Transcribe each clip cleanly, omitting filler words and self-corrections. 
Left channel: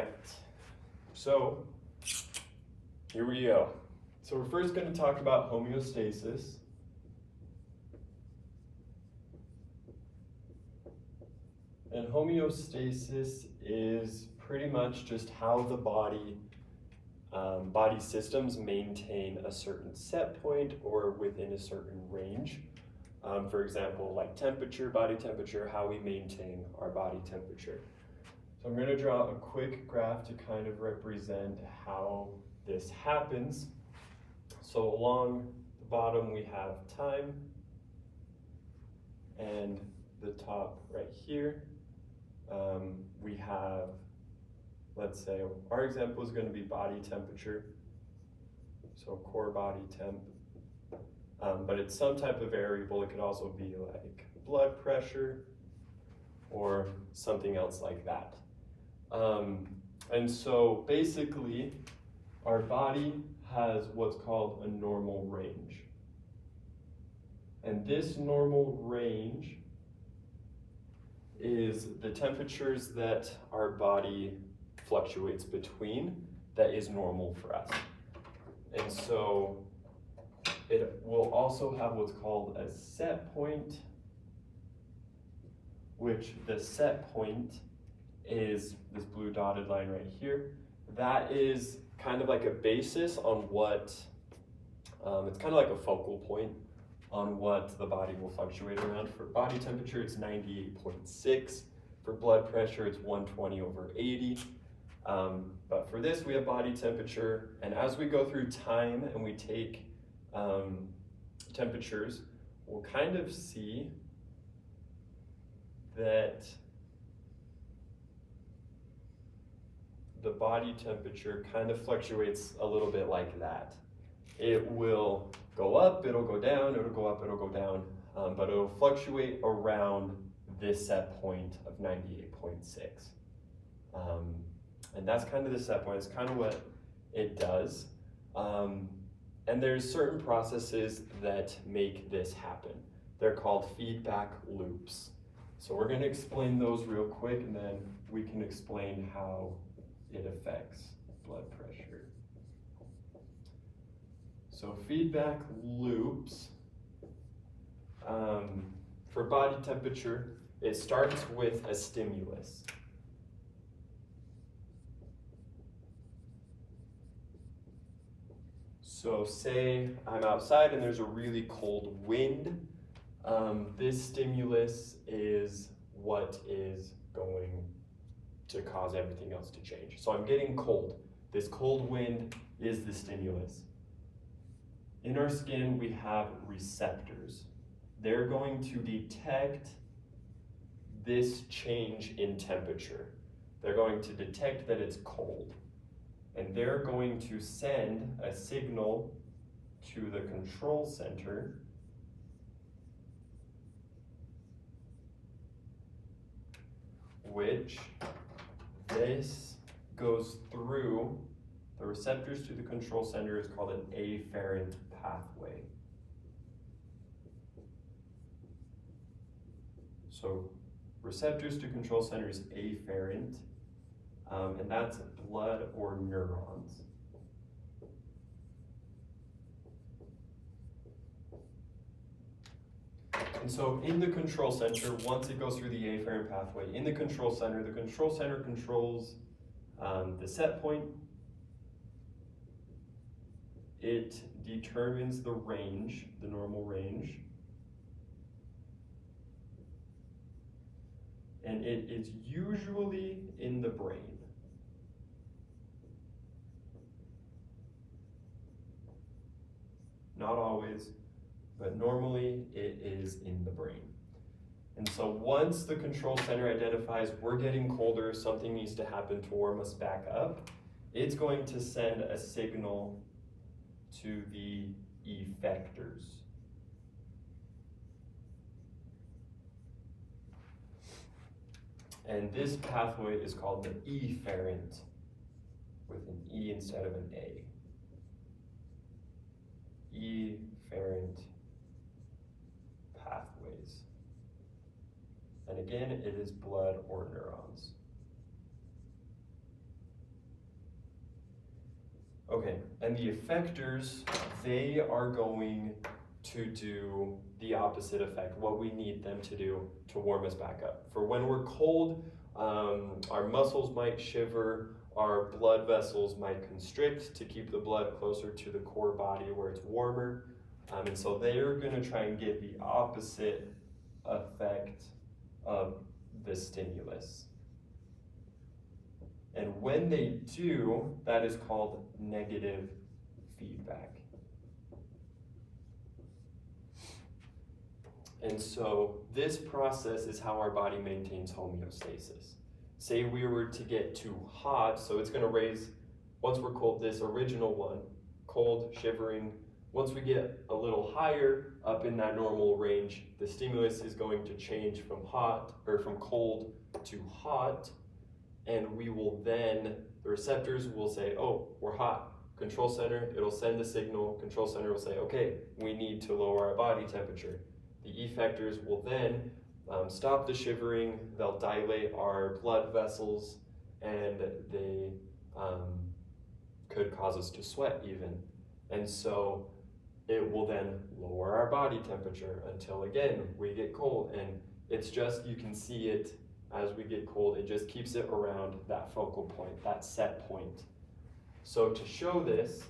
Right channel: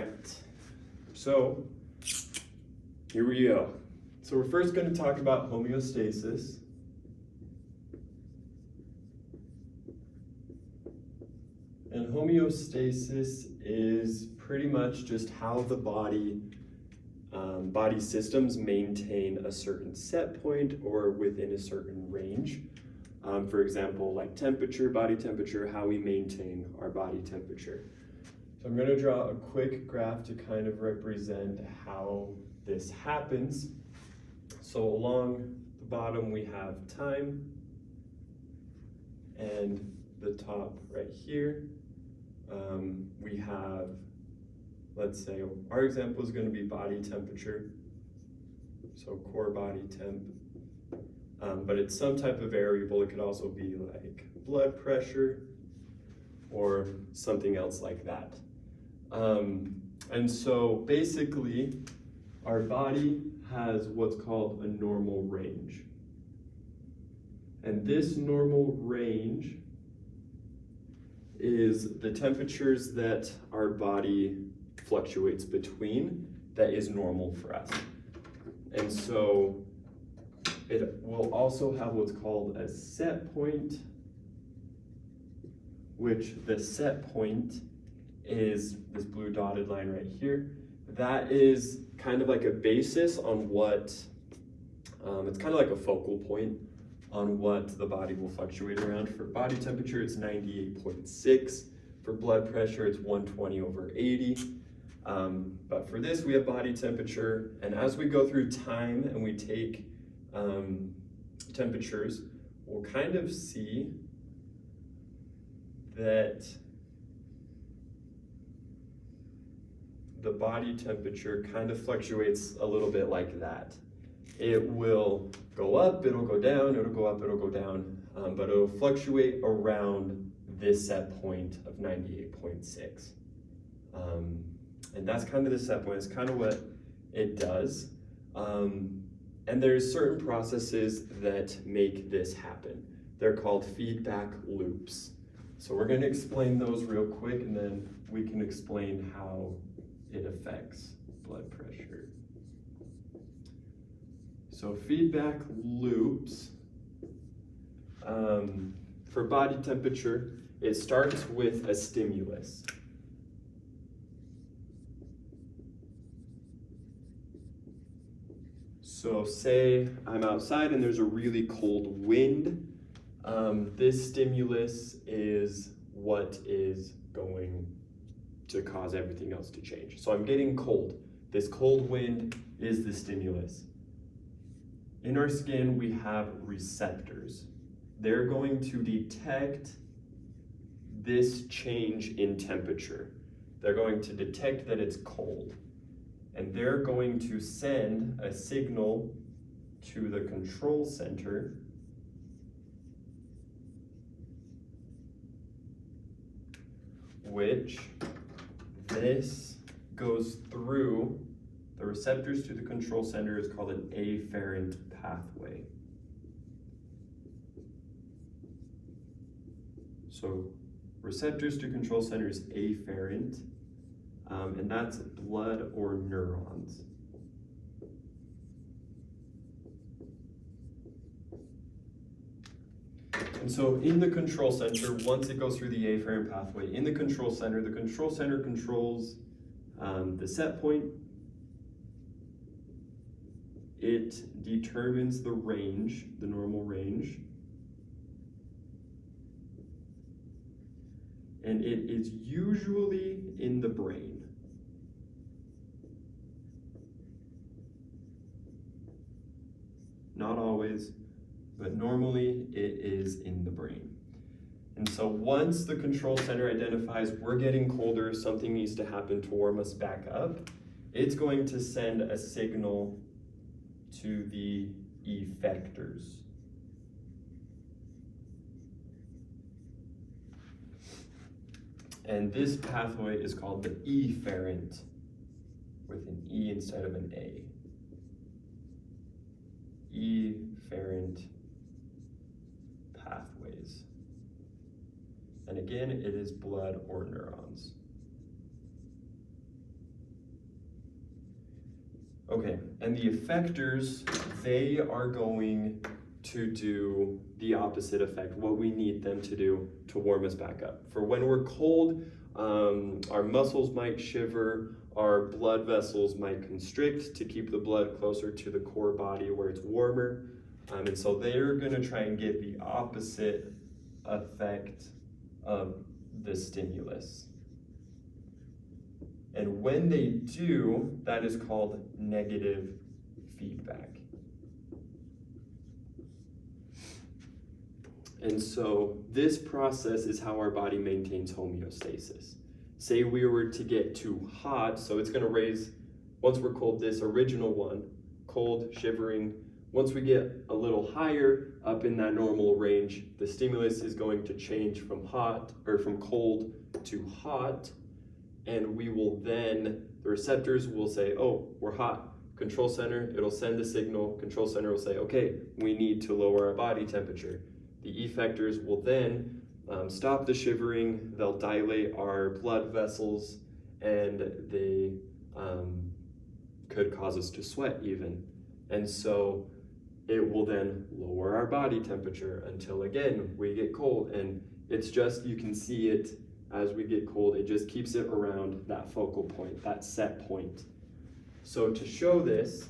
right, so here we go. So we're first going to talk about homeostasis. And homeostasis is pretty much just how the body systems maintain a certain set point or within a certain range. For example, like temperature, body temperature, how we maintain our body temperature. So I'm going to draw a quick graph to kind of represent how this happens. So along the bottom we have time, and the top right here we have, let's say our example is going to be body temperature, so core body temp, but it's some type of variable. It could also be like blood pressure or something else like that. And so basically our body has what's called a normal range. And this normal range is the temperatures that our body fluctuates between that is normal for us. And so it will also have what's called a set point, which the set point is this blue dotted line right here. That is kind of like a basis on what, it's kind of like a focal point on what the body will fluctuate around. For body temperature, it's 98.6. For blood pressure, it's 120/80. But for this, we have body temperature. And as we go through time and we take temperatures, we'll kind of see that the body temperature kind of fluctuates a little bit like that. It will go up, it'll go down, it'll go up, it'll go down, but it'll fluctuate around this set point of 98.6. And that's kind of the set point, it's kind of what it does. And there's certain processes that make this happen. They're called feedback loops. So we're going to explain those real quick, and then we can explain how it affects blood pressure. So feedback loops, for body temperature, it starts with a stimulus. So say I'm outside and there's a really cold wind. This stimulus is what is going to cause everything else to change. So I'm getting cold. This cold wind is the stimulus. In our skin, we have receptors. They're going to detect this change in temperature. They're going to detect that it's cold. And they're going to send a signal to the control center, which this goes through the receptors to the control center is called an afferent pathway. So receptors to control center is afferent, and that's blood or neurons. And so in the control center, once it goes through the afferent pathway, in the control center controls the set point. It determines the range, the normal range. And it is usually in the brain. Not always, but normally it is in the brain. And so once the control center identifies we're getting colder, something needs to happen to warm us back up, it's going to send a signal to the effectors. And this pathway is called the efferent, with an E instead of an A. Efferent pathways. And again, it is blood or neurons. Okay, and the effectors, they are going to do the opposite effect, what we need them to do to warm us back up. For when we're cold, our muscles might shiver, our blood vessels might constrict to keep the blood closer to the core body where it's warmer. And so they're gonna try and get the opposite effect of the stimulus. And when they do, that is called negative feedback. And so this process is how our body maintains homeostasis. Say we were to get too hot, so it's gonna raise, once we're cold, this original one, cold, shivering. Once we get a little higher up in that normal range, the stimulus is going to change from hot, or from cold to hot, and we will then, the receptors will say, oh, we're hot. Control center, it'll send the signal. Control center will say, okay, we need to lower our body temperature. The effectors will then stop the shivering, they'll dilate our blood vessels, and they could cause us to sweat even. And so it will then lower our body temperature until again, we get cold. And it's just, you can see it as we get cold, it just keeps it around that focal point, that set point. So to show this,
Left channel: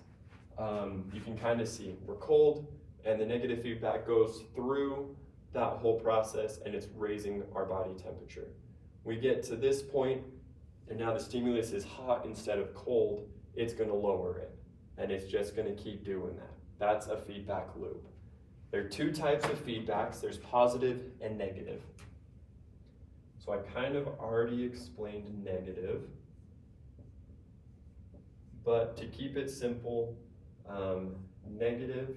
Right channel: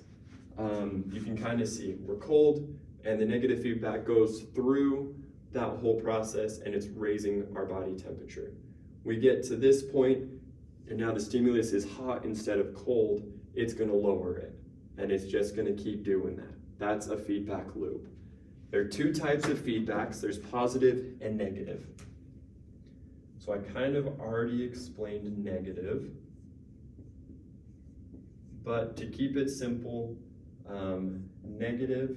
you can kind of see we're cold and the negative feedback goes through that whole process and it's raising our body temperature. We get to this point and now the stimulus is hot instead of cold, it's gonna lower it and it's just gonna keep doing that. That's a feedback loop. There are two types of feedbacks, there's positive and negative. So I kind of already explained negative, but to keep it simple, negative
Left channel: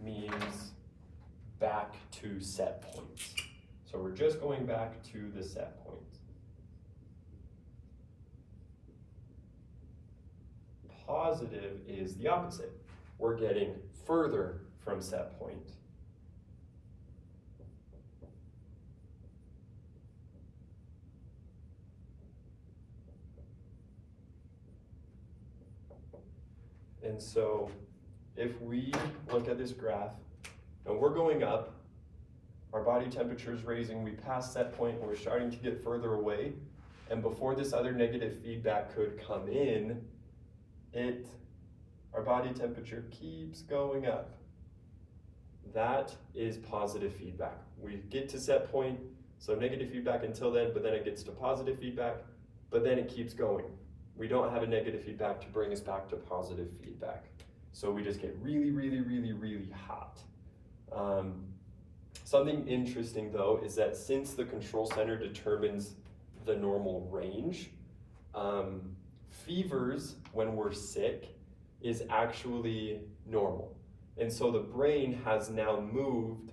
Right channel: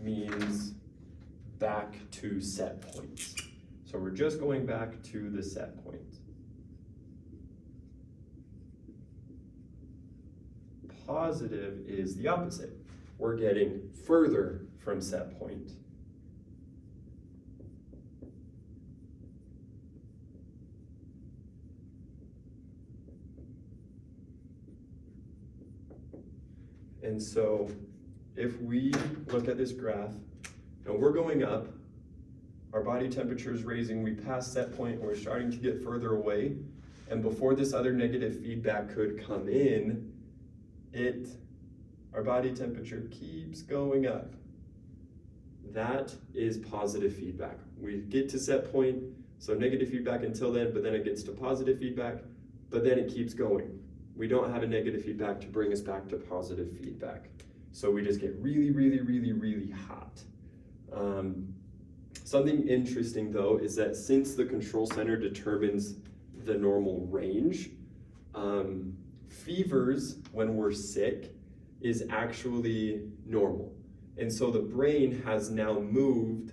means back to set points. So we're just going back to the set point. Positive is the opposite. We're getting further from set point. And so if we look at this graph and we're going up, our body temperature is raising, we pass set point and we're starting to get further away. And before this other negative feedback could come in, our body temperature keeps going up. That is positive feedback. We get to set point, so negative feedback until then, but then it gets to positive feedback, but then it keeps going. We don't have a negative feedback to bring us back to positive feedback. So we just get really, really, really, really hot. Something interesting though is that since the control center determines the normal range, fevers when we're sick is actually normal. And so the brain has now moved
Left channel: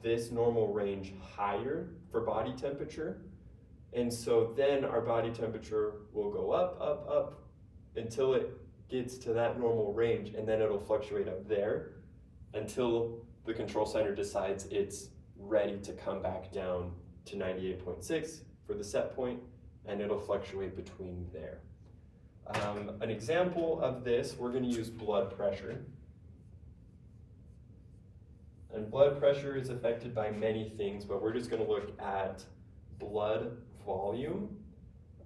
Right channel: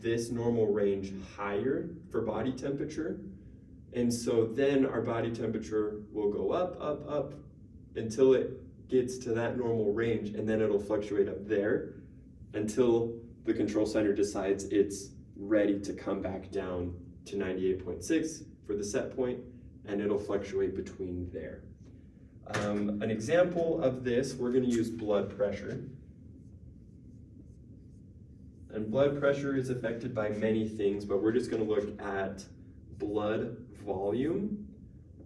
this normal range higher for body temperature. And so then our body temperature will go up, up, up until it gets to that normal range, and then it'll fluctuate up there until the control center decides it's ready to come back down to 98.6 for the set point, and it'll fluctuate between there. An example of this, we're gonna use blood pressure. And blood pressure is affected by many things, but we're just gonna look at blood volume.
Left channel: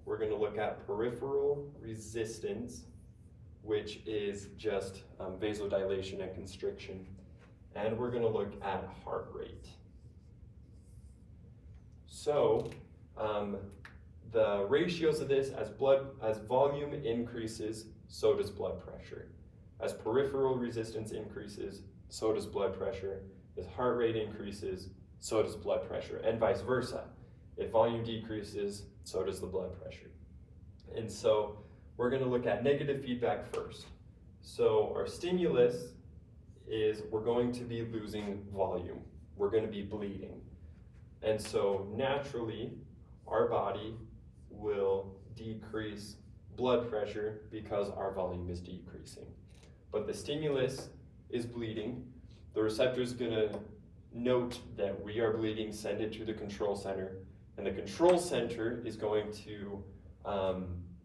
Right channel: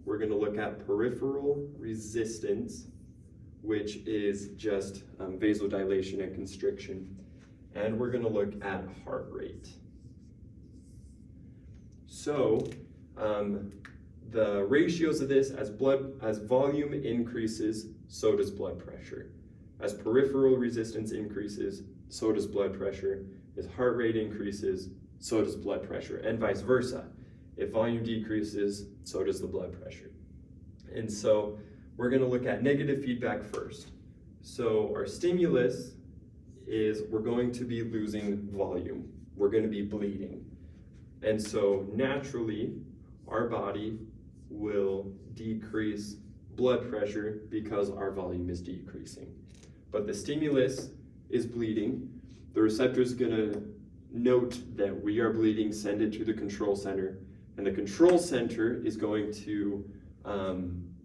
We're gonna look at peripheral resistance, which is just vasodilation and constriction. And we're gonna look at heart rate. So the ratios of this, as volume increases, so does blood pressure. As peripheral resistance increases, so does blood pressure. As heart rate increases, so does blood pressure, and vice versa. If volume decreases, so does the blood pressure. And so we're gonna look at negative feedback first. So our stimulus is we're going to be losing volume. We're gonna be bleeding. And so naturally, our body will decrease blood pressure because our volume is decreasing. But the stimulus is bleeding. The receptor is gonna note that we are bleeding, send it to the control center, And the control center is going to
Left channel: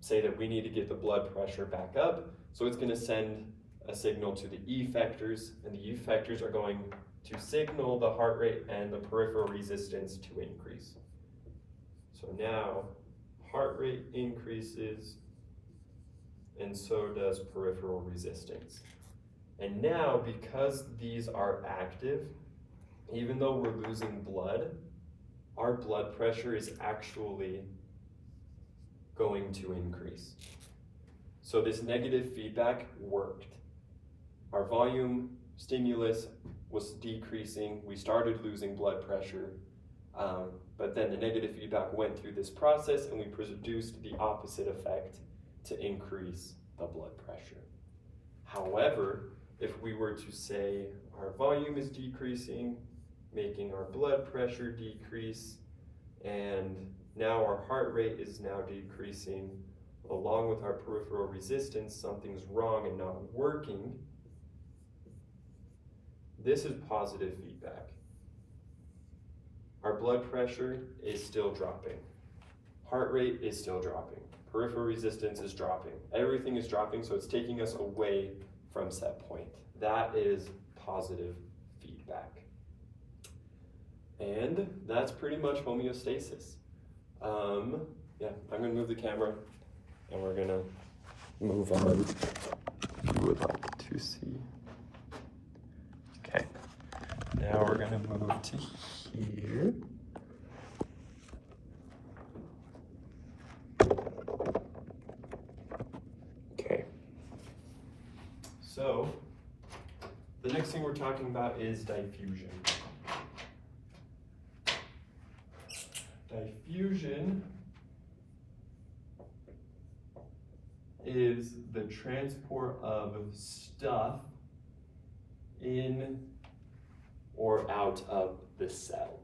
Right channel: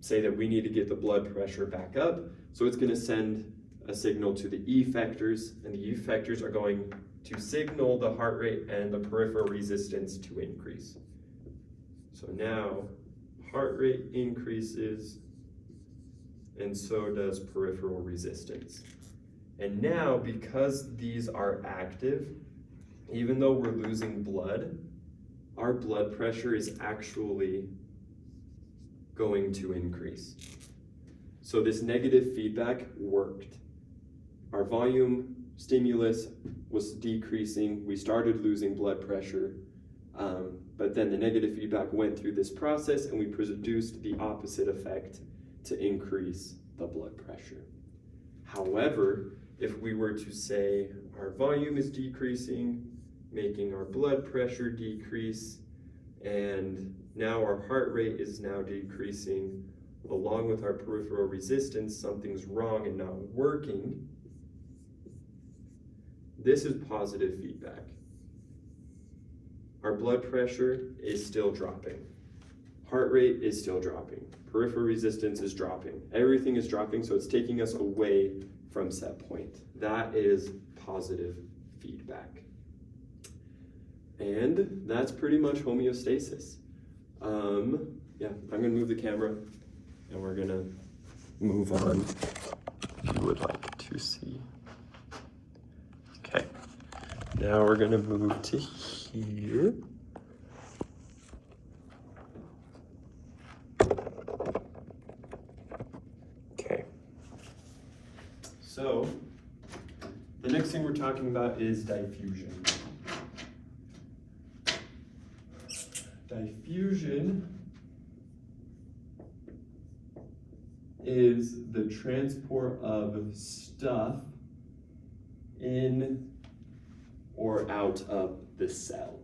say that we need to get the blood pressure back up. So it's going to send a signal to the effectors, and the effectors are going to signal the heart rate and the peripheral resistance to increase. So now heart rate increases, and so does peripheral resistance. And now, because these are active, even though we're losing blood, our blood pressure is actually going to increase. So this negative feedback worked. Our volume stimulus was decreasing, we started losing blood pressure, but then the negative feedback went through this process and we produced the opposite effect to increase the blood pressure. However, if we were to say our volume is decreasing, making our blood pressure decrease, and now our heart rate is now decreasing, along with our peripheral resistance, something's wrong and not working, this is positive feedback. Our blood pressure is still dropping. Heart rate is still dropping. Peripheral resistance is dropping. Everything is dropping, so it's taking us away from set point. That is positive feedback. And that's pretty much homeostasis. Yeah, I'm gonna move the camera and we're gonna move on if you would like to see. Okay, now we're gonna move to here. Okay, so the next thing we're talking about is diffusion. Diffusion is the transport of stuff in or out of the cell.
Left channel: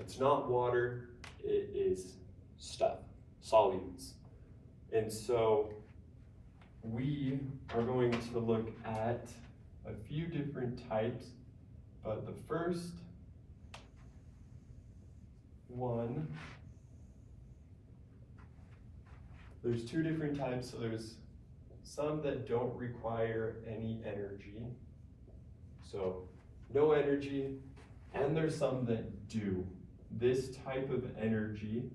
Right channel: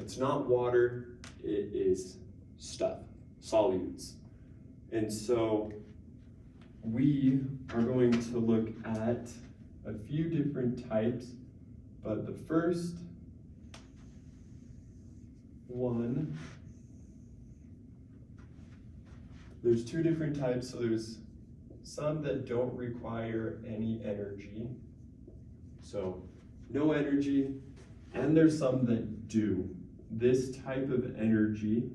It's not water, it is stuff, solutes. And so we are going to look at a few different types, but the first one, there's two different types. So there's some that don't require any energy, so no energy, and there's some that do. This type of energy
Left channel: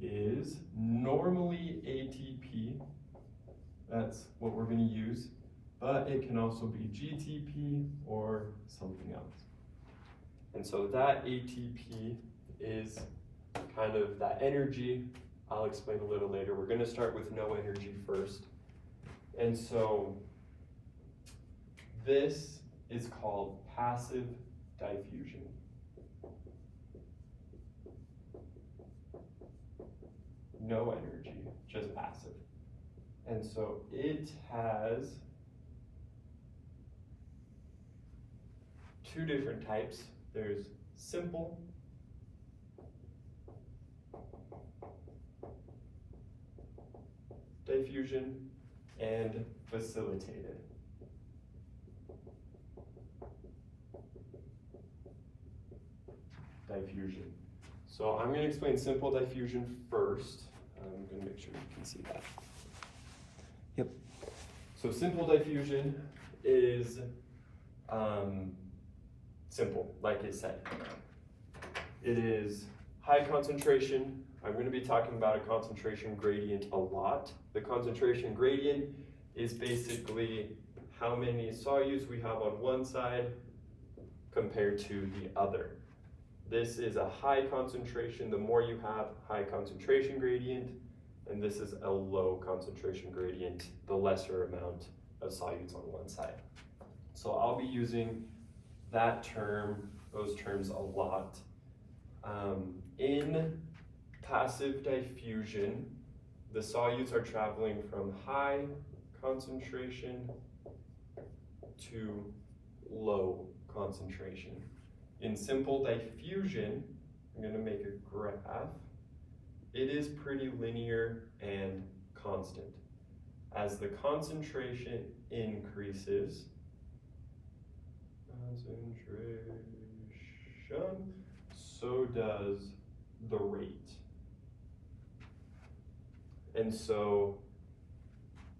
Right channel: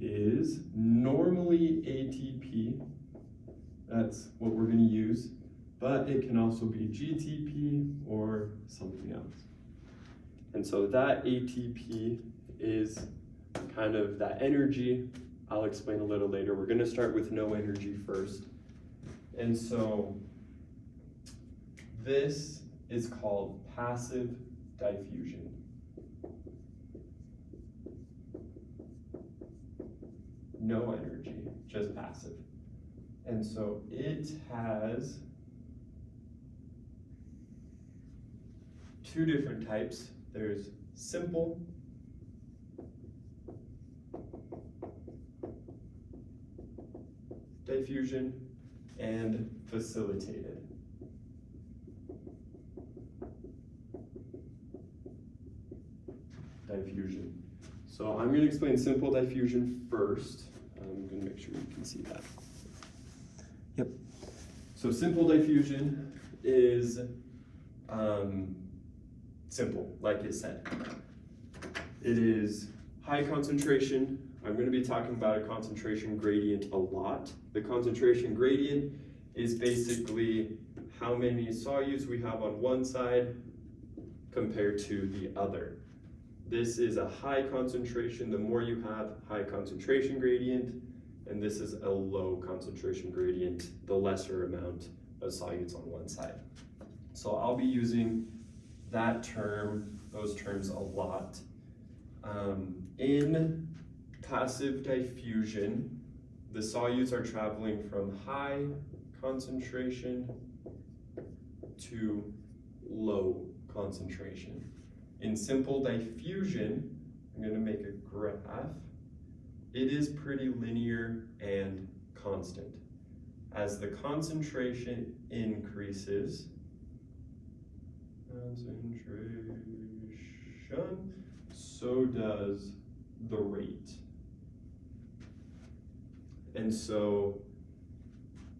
is normally ATP, that's what we're going to use, but it can also be GTP or something else. And so that ATP is kind of that energy. I'll explain a little later. We're going to start with no energy first. And so this is called passive diffusion. No energy, just passive. And so it has two different types. There's simple diffusion and facilitated. Diffusion. So I'm going to explain simple diffusion first. I'm going to make sure you can see that. Yep. So simple diffusion is simple, like it said. It is high concentration. I'm going to be talking about a concentration gradient a lot. The concentration gradient is basically how many solutes we have on one side compared to the other. This is a high concentration. The more you have, high concentration gradient, and this is a low concentration gradient, the lesser amount of solutes on one side. So I'll be using that term, those terms a lot. In passive diffusion, the solutes are traveling from high concentration to low concentration. In simple diffusion, I'm going to make a graph. It is pretty linear and constant. As the concentration increases, so does the rate. And so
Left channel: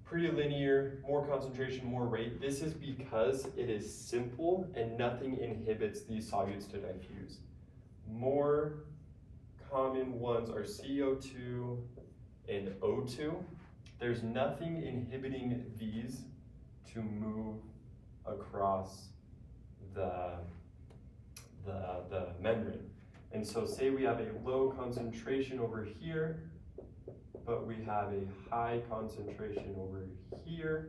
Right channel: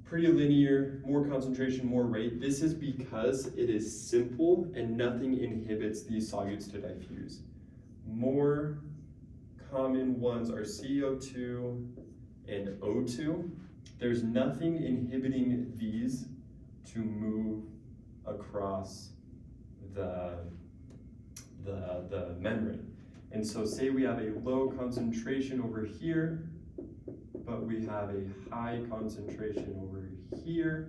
pretty linear, more concentration, more rate. This is because it is simple and nothing inhibits these solutes to diffuse. More common ones are CO2 and O2. There's nothing inhibiting these to move across the membrane. And so say we have a low concentration over here, but we have a high concentration over here,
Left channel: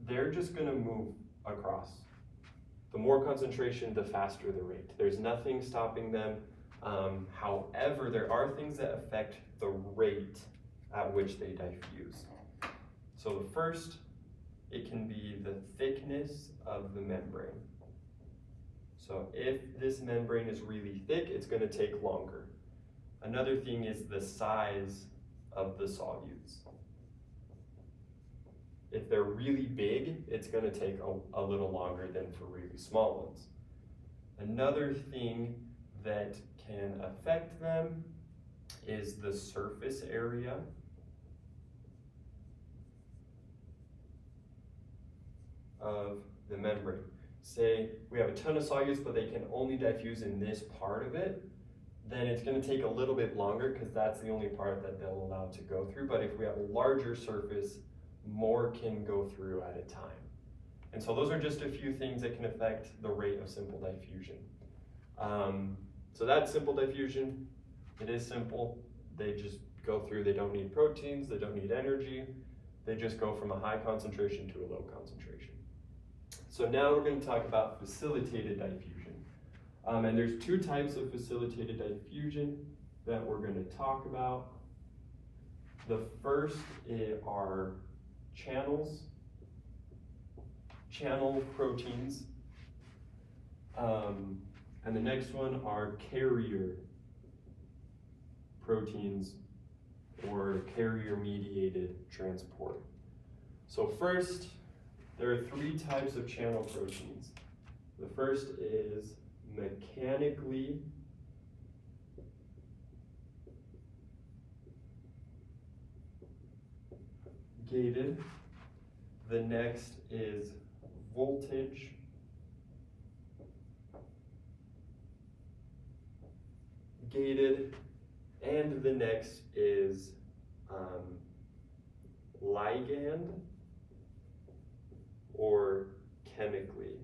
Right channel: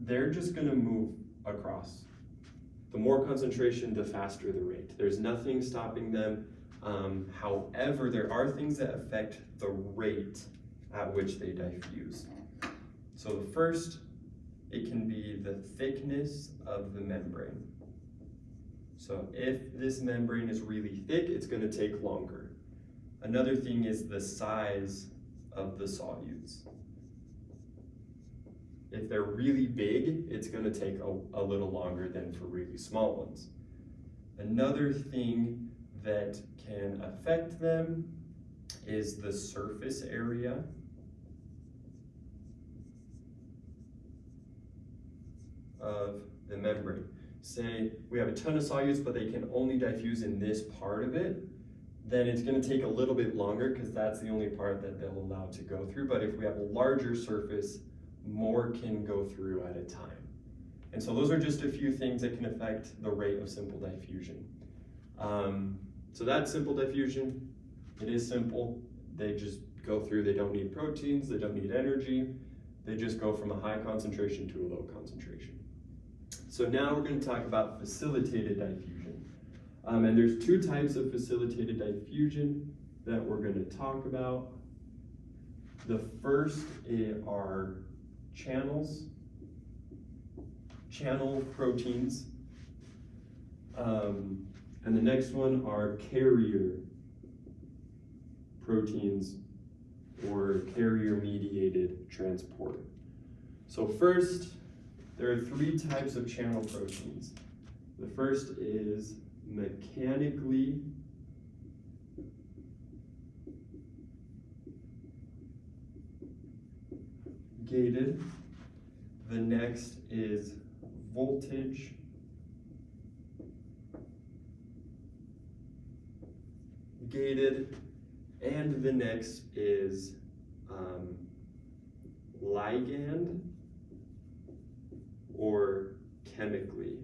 they're just gonna move across. The more concentration, the faster the rate. There's nothing stopping them. However, there are things that affect the rate at which they diffuse. So the first, it can be the thickness of the membrane. So if this membrane is really thick, it's gonna take longer. Another thing is the size of the solutes. If they're really big, it's gonna take a little longer than for really small ones. Another thing that can affect them is the surface area of the membrane. Say we have a ton of solutes, but they can only diffuse in this part of it, then it's gonna take a little bit longer because that's the only part that they'll allow to go through. But if we have a larger surface, more can go through at a time. And so those are just a few things that can affect the rate of simple diffusion. So that's simple diffusion. It is simple. They just go through, they don't need proteins, they don't need energy. They just go from a high concentration to a low concentration. So now we're going to talk about facilitated diffusion. And there's two types of facilitated diffusion that we're going to talk about. The first are channels, channel proteins. And the next one are carrier proteins or carrier-mediated transport. So first, there are three types of channel proteins. The first is mechanically gated. The next is voltage gated, and the next is ligand or chemically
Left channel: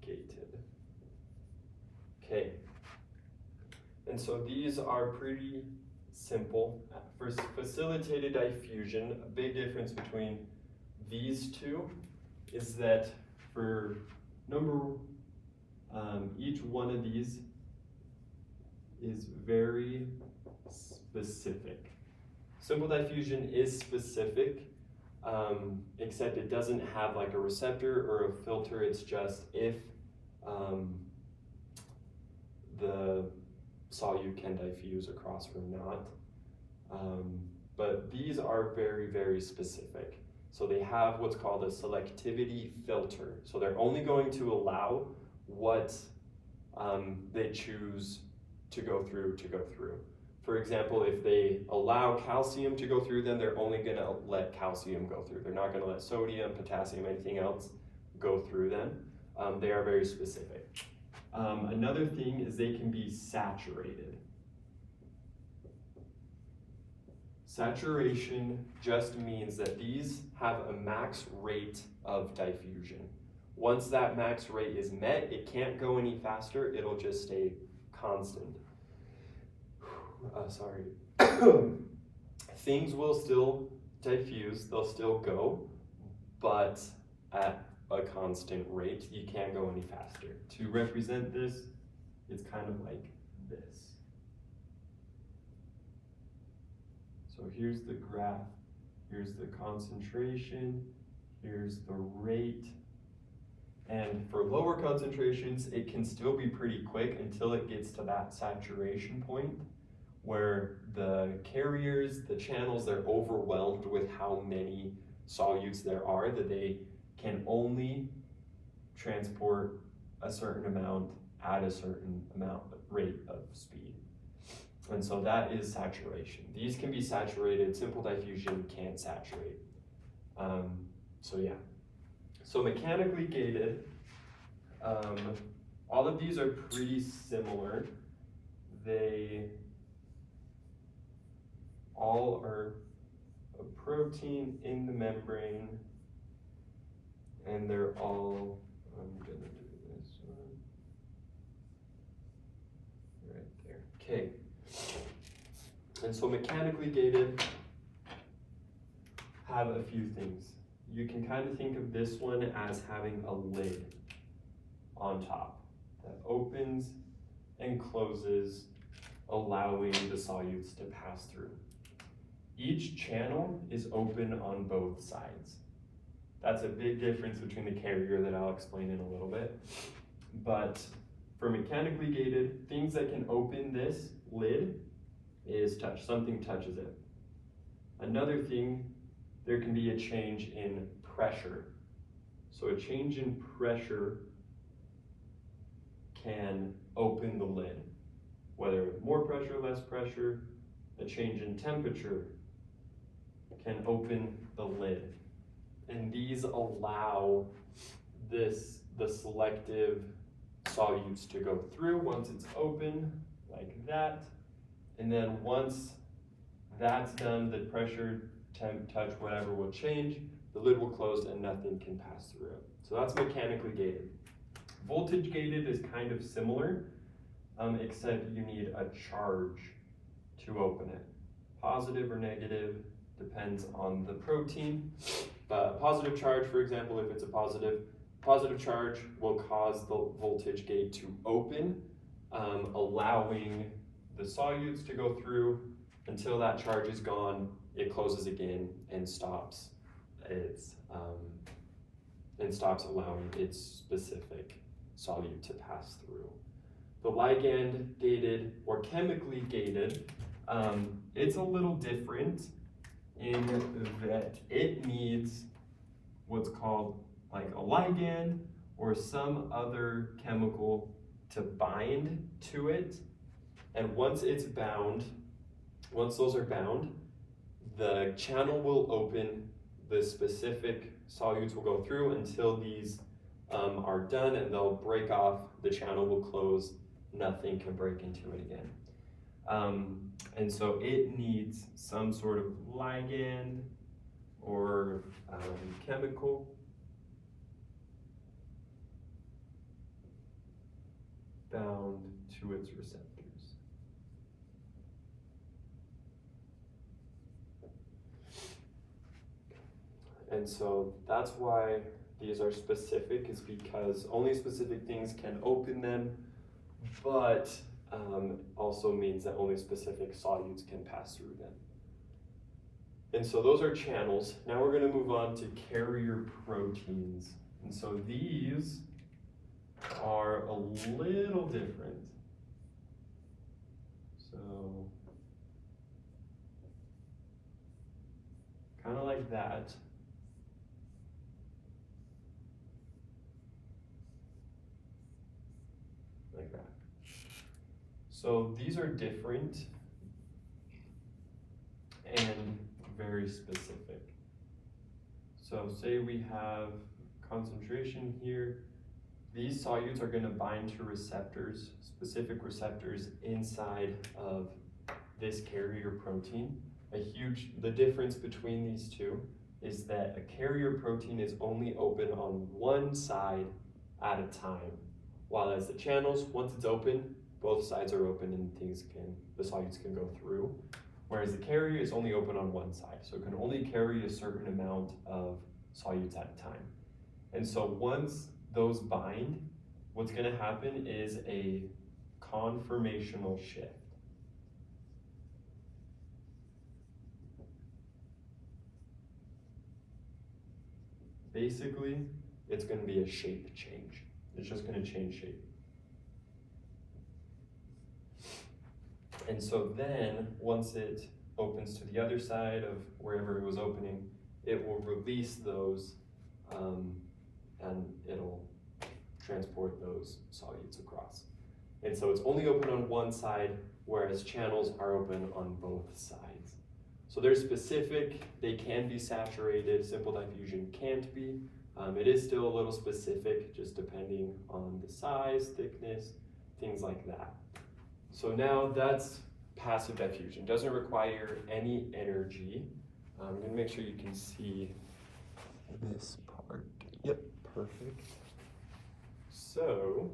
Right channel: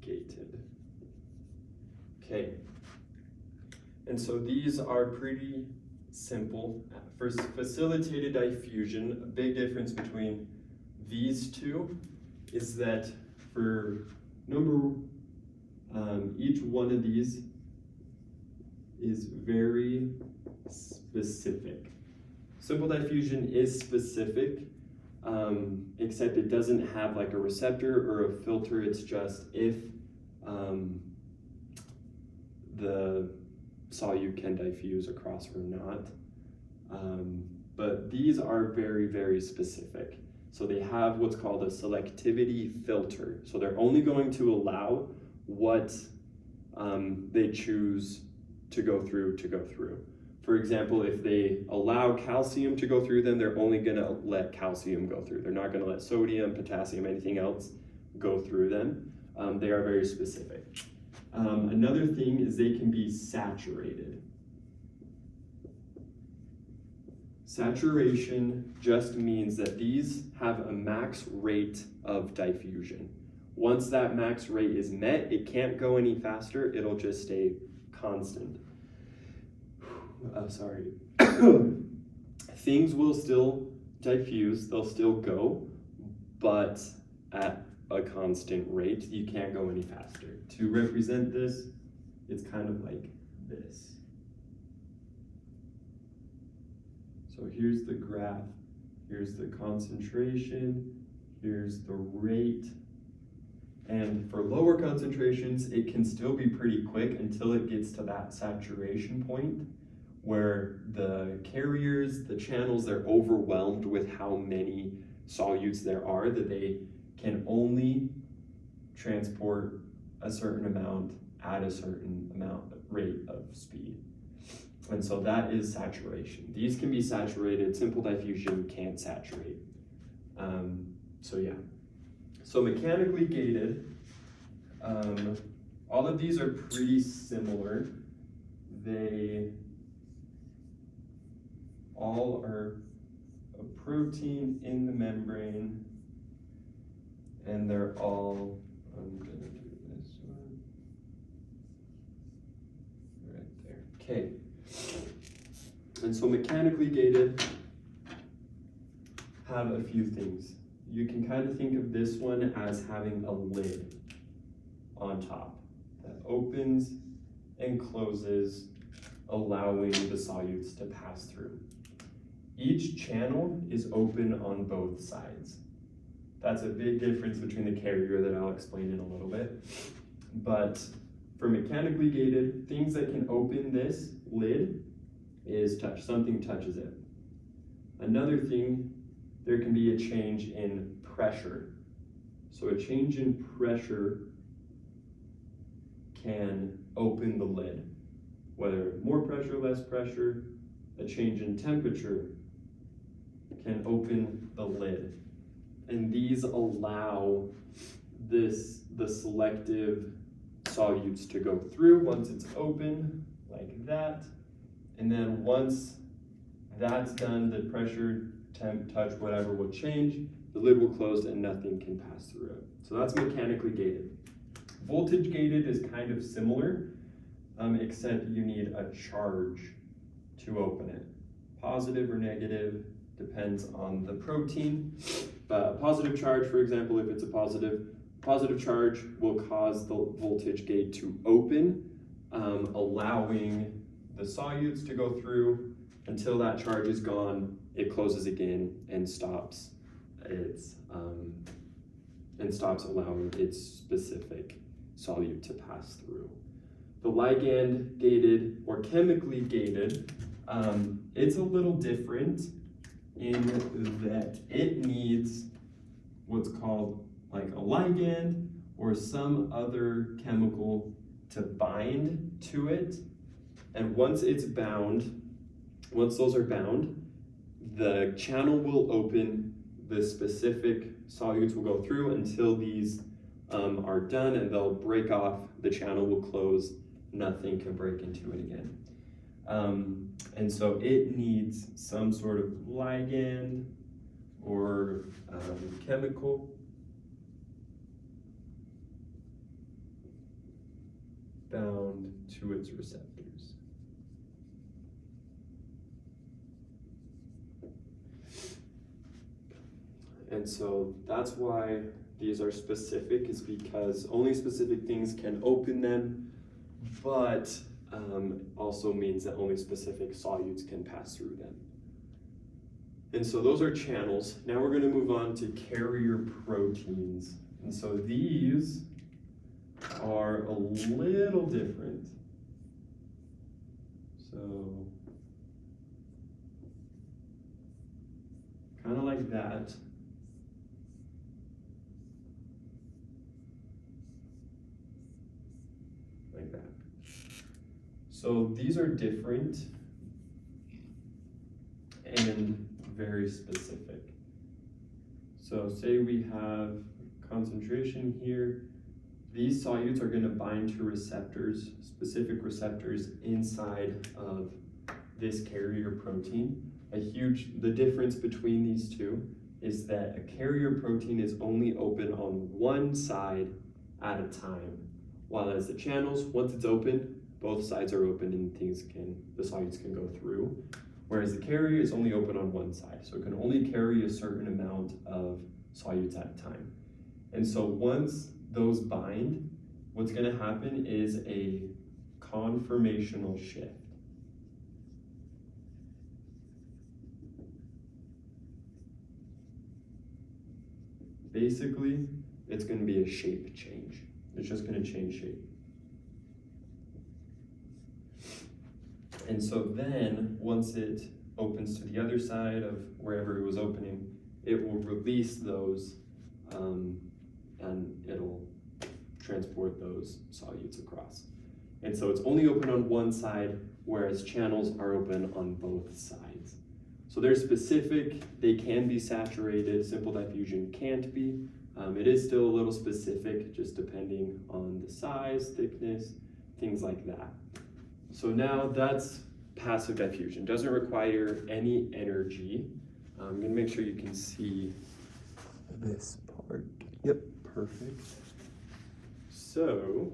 gated. Okay, and so these are pretty simple. For facilitated diffusion, a big difference between these two is that for each one of these is very specific. Simple diffusion is specific, except it doesn't have like a receptor or a filter. It's just if the solute can diffuse across or not. But these are very, very specific. So they have what's called a selectivity filter. So they're only going to allow what they choose to go through. For example, if they allow calcium to go through, then they're only gonna let calcium go through. They're not gonna let sodium, potassium, anything else go through them. They are very specific. Another thing is they can be saturated. Saturation just means that these have a max rate of diffusion. Once that max rate is met, it can't go any faster, it'll just stay constant. Things will still diffuse, they'll still go, but at a constant rate. You can't go any faster. To represent this, it's kind of like this. So here's the graph, here's the concentration, here's the rate, and for lower concentrations, it can still be pretty quick until it gets to that saturation point where the carriers, the channels, they're overwhelmed with how many solutes there are that they can only transport a certain amount at a certain rate of speed. And so that is saturation. These can be saturated, simple diffusion can't saturate. So yeah. So mechanically gated, all of these are pretty similar. They all are a protein in the membrane, and they're all, I'm gonna do this one right there. Okay. And so mechanically gated have a few things. You can kind of think of this one as having a lid on top that opens and closes, allowing the solutes to pass through. Each channel is open on both sides. That's a big difference between the carrier that I'll explain in a little bit. But for mechanically gated, things that can open this lid is touch, something touches it. Another thing, there can be a change in pressure. So a change in pressure can open the lid, whether more pressure, less pressure. A change in temperature can open the lid. And these allow the selective solutes to go through once it's open, like that. And then once that's done, the pressure, temp, touch, whatever will change, the lid will close and nothing can pass through it. So that's mechanically gated. Voltage gated is kind of similar, except you need a charge to open it. Positive or negative depends on the protein. But a positive charge, for example, if it's a positive charge will cause the voltage gate to open, allowing the solutes to go through. Until that charge is gone, it closes again and stops allowing its specific solute to pass through. The ligand gated or chemically gated, it's a little different in that it needs what's called like a ligand or some other chemical to bind to it. And once those are bound, the channel will open, the specific solutes will go through until these are done, and they'll break off, the channel will close, nothing can break into it again. And so it needs some sort of ligand or chemical bound to its receptors. And so that's why these are specific, is because only specific things can open them, but also means that only specific solutes can pass through them. And so those are channels. Now we're going to move on to carrier proteins. And so these are a little different. So kind of like that. Like that. So these are different and very specific. So say we have concentration here. These solutes are going to bind to receptors, specific receptors inside of this carrier protein. The difference between these two is that a carrier protein is only open on one side at a time, while as the channels, once it's open, both sides are open and the solutes can go through. Whereas the carrier is only open on one side, so it can only carry a certain amount of solutes at a time. And so once those bind, what's going to happen is a conformational shift. Basically, it's going to be a shape change. It's just going to change shape. And so then, once it opens to the other side of wherever it was opening, it will release those and it'll transport those solutes across. And so it's only open on one side, whereas channels are open on both sides. So they're specific, they can be saturated, simple diffusion can't be. It is still a little specific, just depending on the size, thickness, things like that. So now that's passive diffusion, doesn't require any energy. I'm gonna make sure you can see this part. Yep, perfect. So,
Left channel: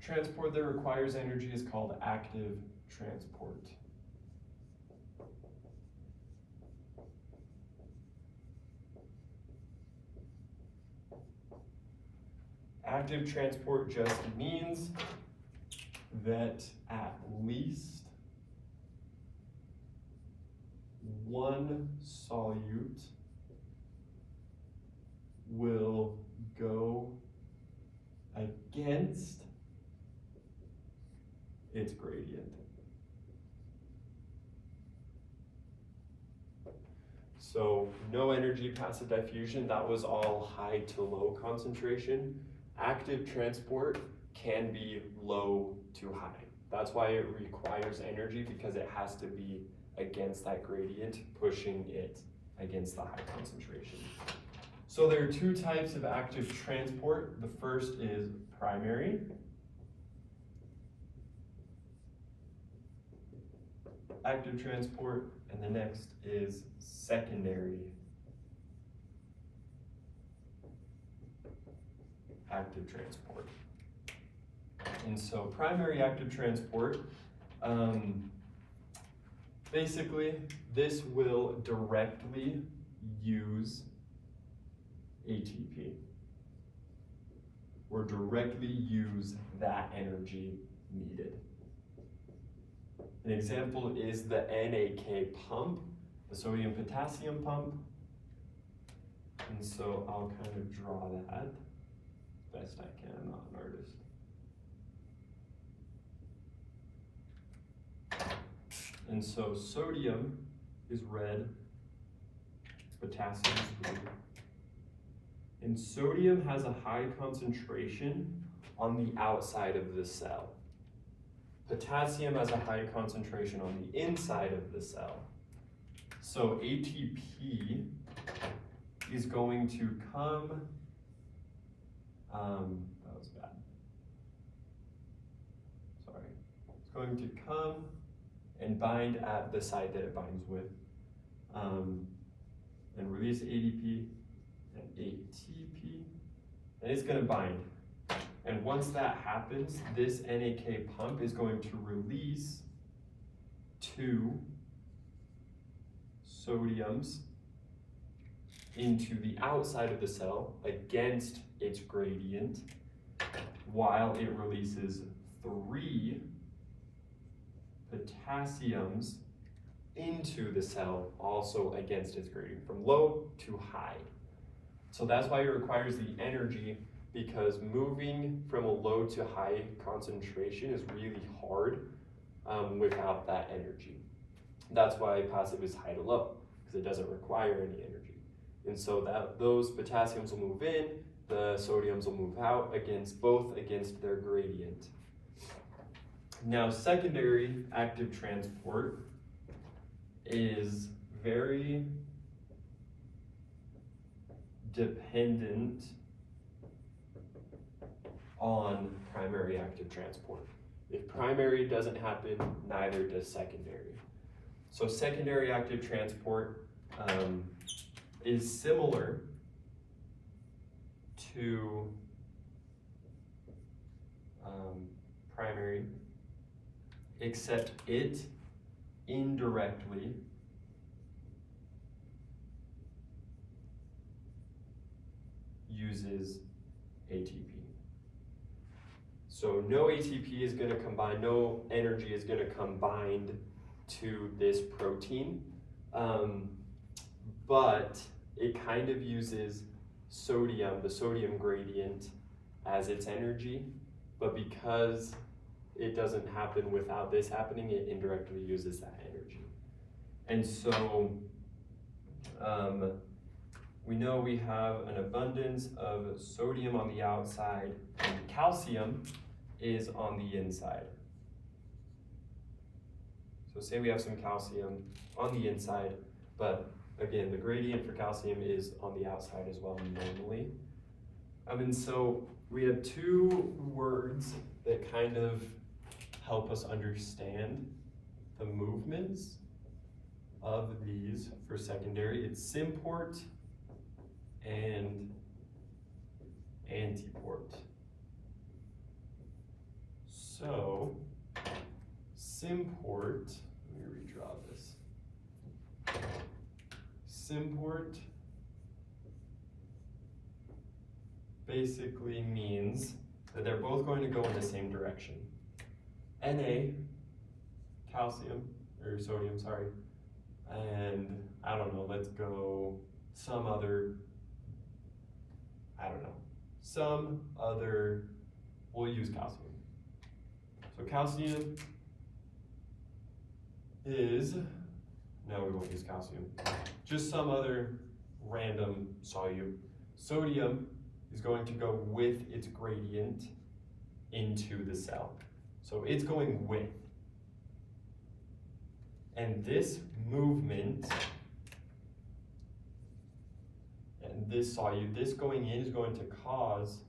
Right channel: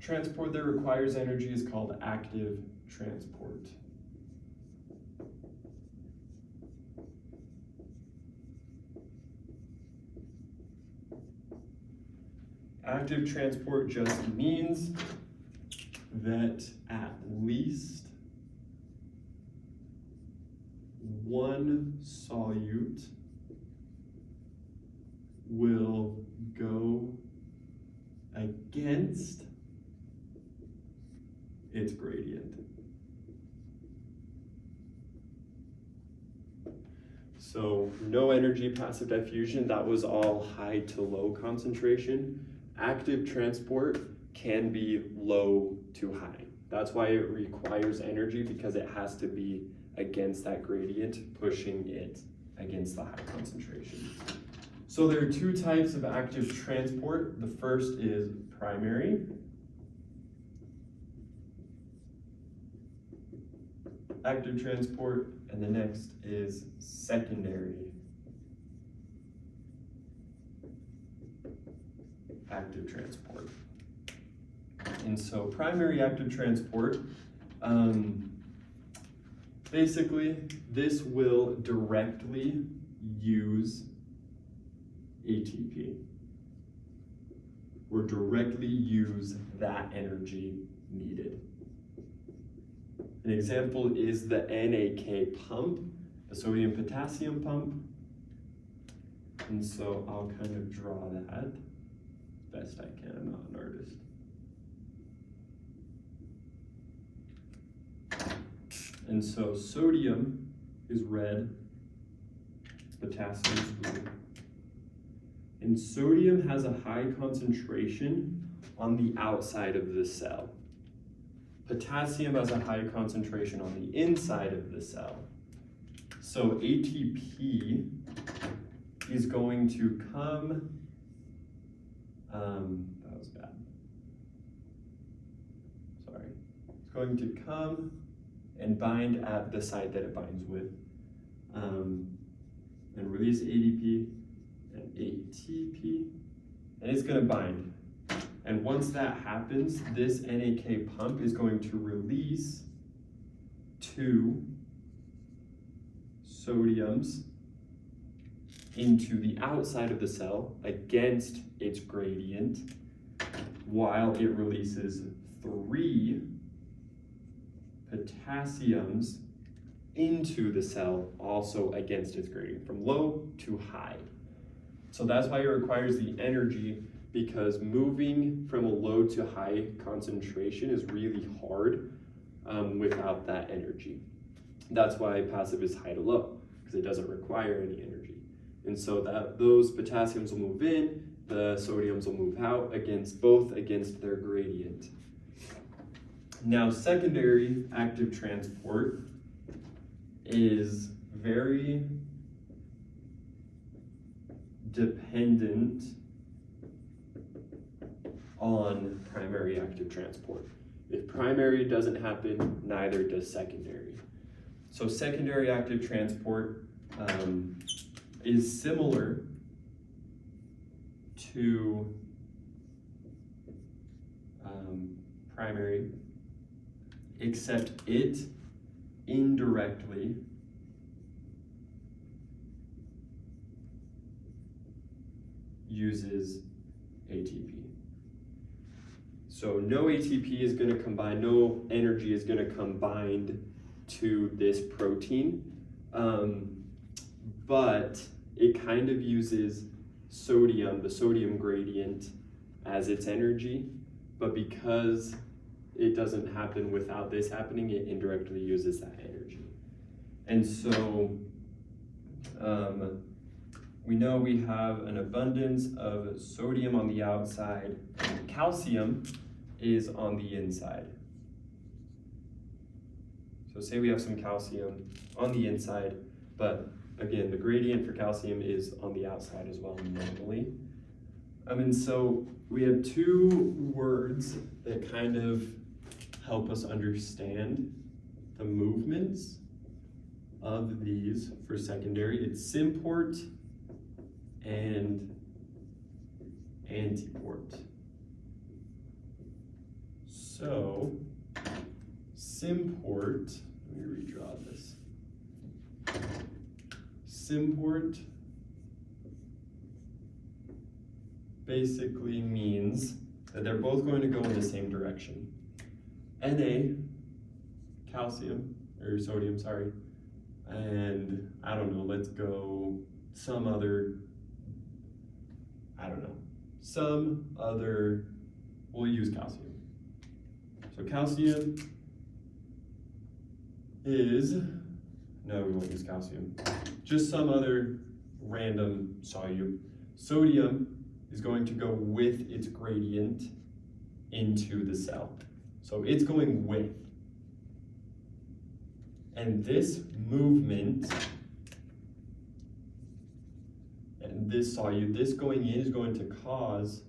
transport that requires energy is called active transport. Active transport just means that at least one solute will go against its gradient. So no energy, passive diffusion, that was all high to low concentration. Active transport can be low to high. That's why it requires energy, because it has to be against that gradient, pushing it against the high concentration. So there are two types of active transport. The first is primary. Active transport, and the next is secondary active transport. And so primary active transport, basically this will directly use ATP, or directly use that energy needed. An example is the NAK pump, the sodium potassium pump. And so I'll kind of draw that best I can, I'm not an artist. And so sodium is red, potassium is blue. And sodium has a high concentration on the outside of the cell. Potassium has a high concentration on the inside of the cell. So ATP is going to come, that was bad. Sorry. It's going to come and bind at the site that it binds with, and release ADP and ATP, and it's gonna bind. And once that happens, this NAK pump is going to release 2 sodiums into the outside of the cell against its gradient, while it releases 3 potassiums into the cell, also against its gradient, from low to high. So that's why it requires the energy, because moving from a low to high concentration is really hard without that energy. That's why passive is high to low, because it doesn't require any energy. And so that those potassiums will move in, the sodiums will move out, both against their gradient. Now, secondary active transport is very dependent on primary active transport. If primary doesn't happen, neither does secondary. So secondary active transport is similar to primary, except it indirectly uses ATP. So no ATP is going to combine, no energy is going to combine to this protein, but it kind of uses sodium, the sodium gradient, as its energy, but because it doesn't happen without this happening, it indirectly uses that energy. And so we know we have an abundance of sodium on the outside, and calcium is on the inside. So say we have some calcium on the inside, but again, the gradient for calcium is on the outside as well normally. And so we have two words that kind of help us understand the movements of these for secondary. It's symport and antiport. So symport, let me redraw this. Symport basically means that they're both going to go in the same direction. Na, calcium, or sodium, sorry, and I don't know, let's go some other, we'll use calcium. So calcium is, no, we won't use calcium, just some other random solute. Sodium is going to go with its gradient into the cell. So it's going with. And this movement, and this solute, this going in is going to cause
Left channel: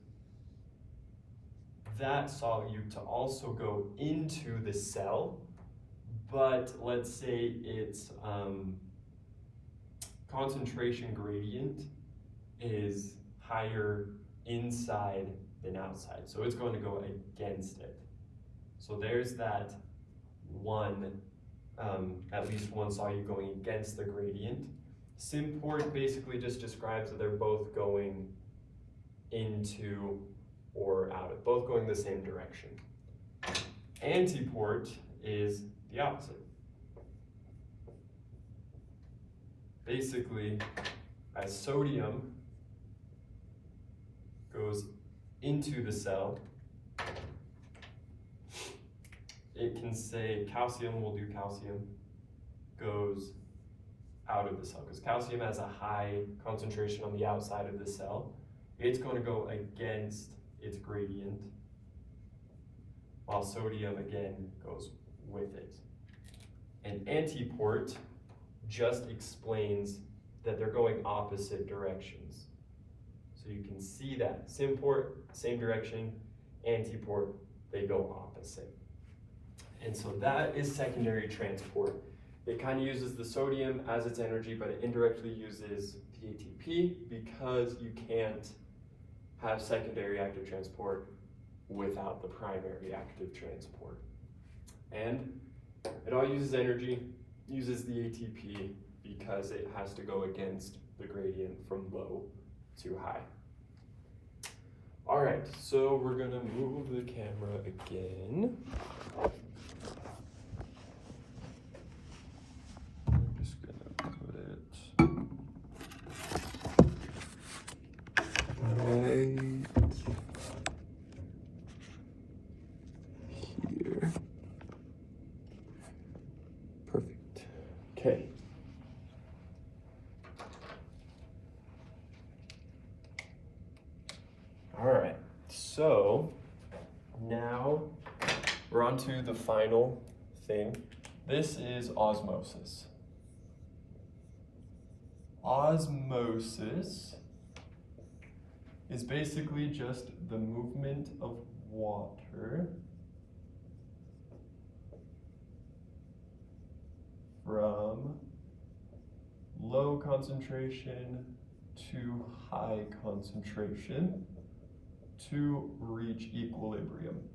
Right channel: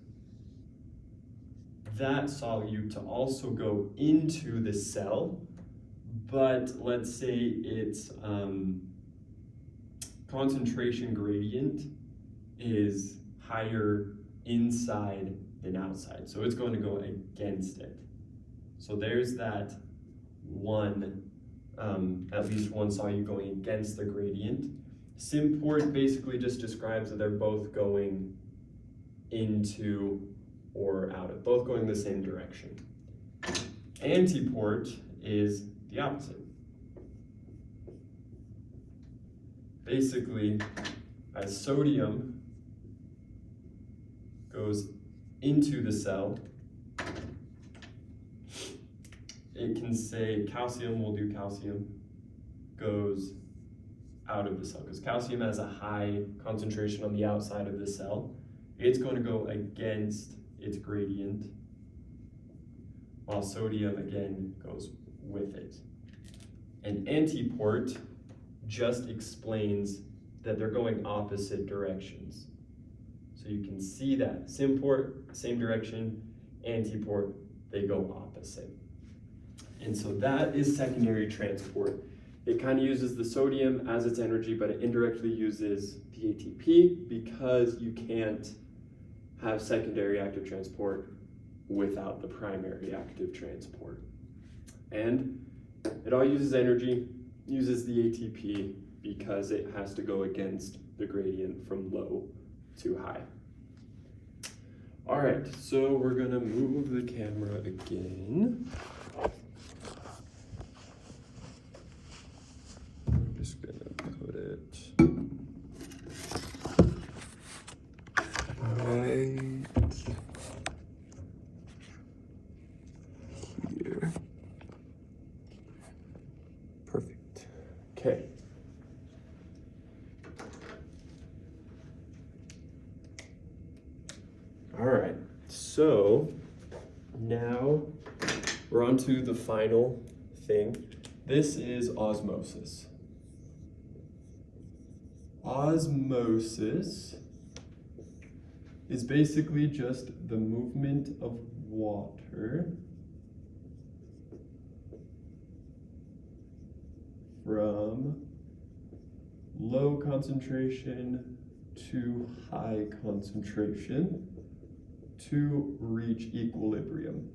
that solute to also go into the cell, but let's say its concentration gradient is higher inside than outside. So it's going to go against it. So there's that one, at least one solute going against the gradient. Symport basically just describes that they're both going into or out of, both going the same direction. Antiport is the opposite. Basically, as sodium goes into the cell, it can say calcium, we'll do calcium, goes out of the cell, because calcium has a high concentration on the outside of the cell. It's going to go against its gradient, while sodium again goes with it. And antiport just explains that they're going opposite directions. So you can see that symport, same direction, antiport, they go opposite. And so that is secondary transport. It kind of uses the sodium as its energy, but it indirectly uses the ATP because you can't have secondary active transport without the primary active transport. And it all uses energy, uses the ATP because it has to go against the gradient from low to high. All right, so we're gonna move the camera again. I'm just gonna put it right here. Perfect. Okay. All right, so now we're on to the final thing. This is osmosis. Osmosis is basically just the movement of water from low concentration to high concentration to reach equilibrium.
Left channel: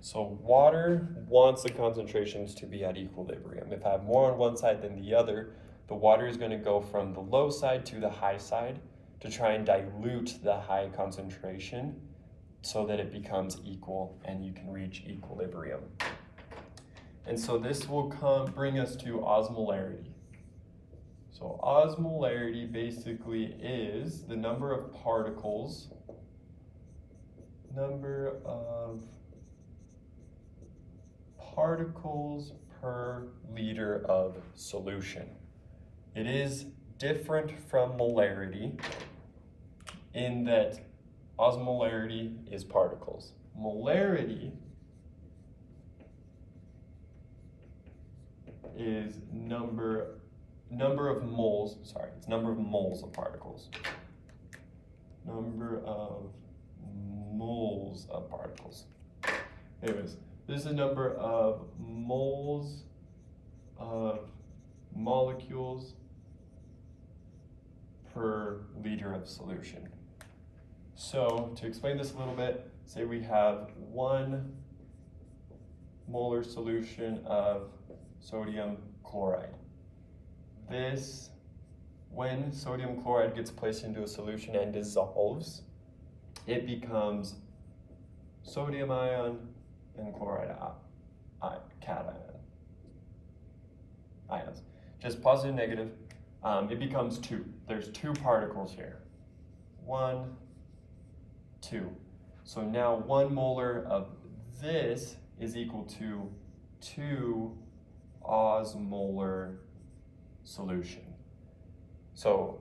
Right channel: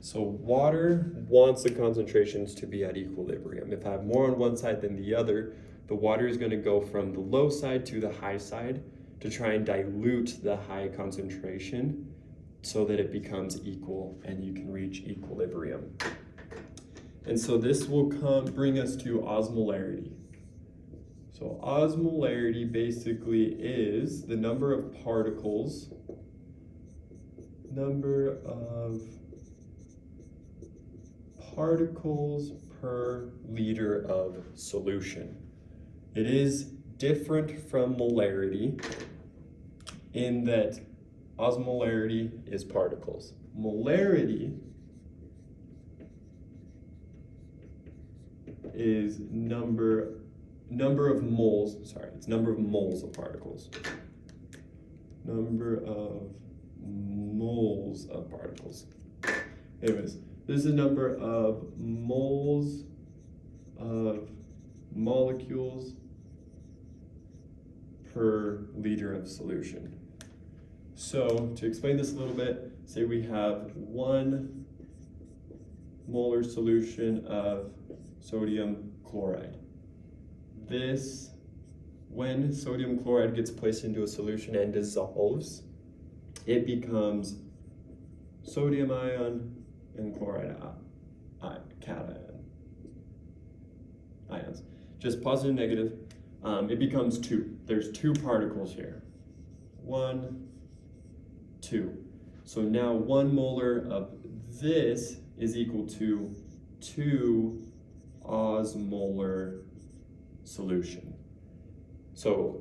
So water wants the concentrations to be at equilibrium. If I have more on one side than the other, the water is going to go from the low side to the high side to try and dilute the high concentration so that it becomes equal and you can reach equilibrium. And so this will bring us to osmolarity. So osmolarity basically is the number of particles per liter of solution. It is different from molarity in that osmolarity is particles. Molarity is number of moles, it's number of moles of particles. Number of moles of particles. Anyways, this is number of moles of molecules per liter of solution. So to explain this a little bit, say we have 1 molar solution of sodium chloride. This, when sodium chloride gets placed into a solution and dissolves, it becomes sodium ion and chloride cation ions. Just positive, negative. It becomes 2. There's 2 particles here. 1, 2. So now 1 molar of this is equal to 2 osmolar solution. So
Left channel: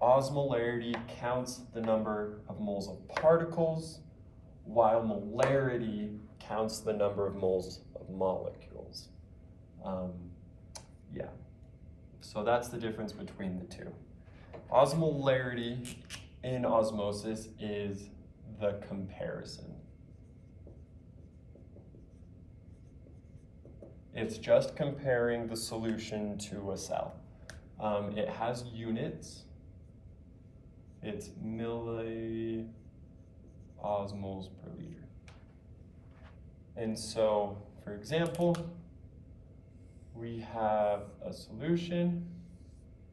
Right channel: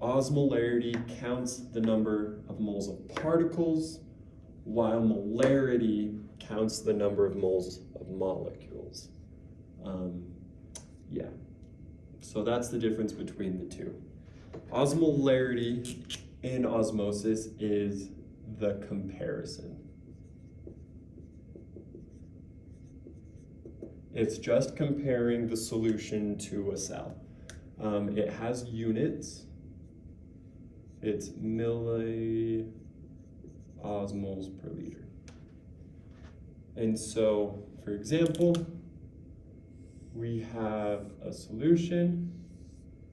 osmolarity counts the number of moles of particles, while molarity counts the number of moles of molecules. Yeah, so that's the difference between the two. Osmolarity in osmosis is the comparison. It's just comparing the solution to a cell. It has units. It's milliosmoles per liter. And so, for example, we have a solution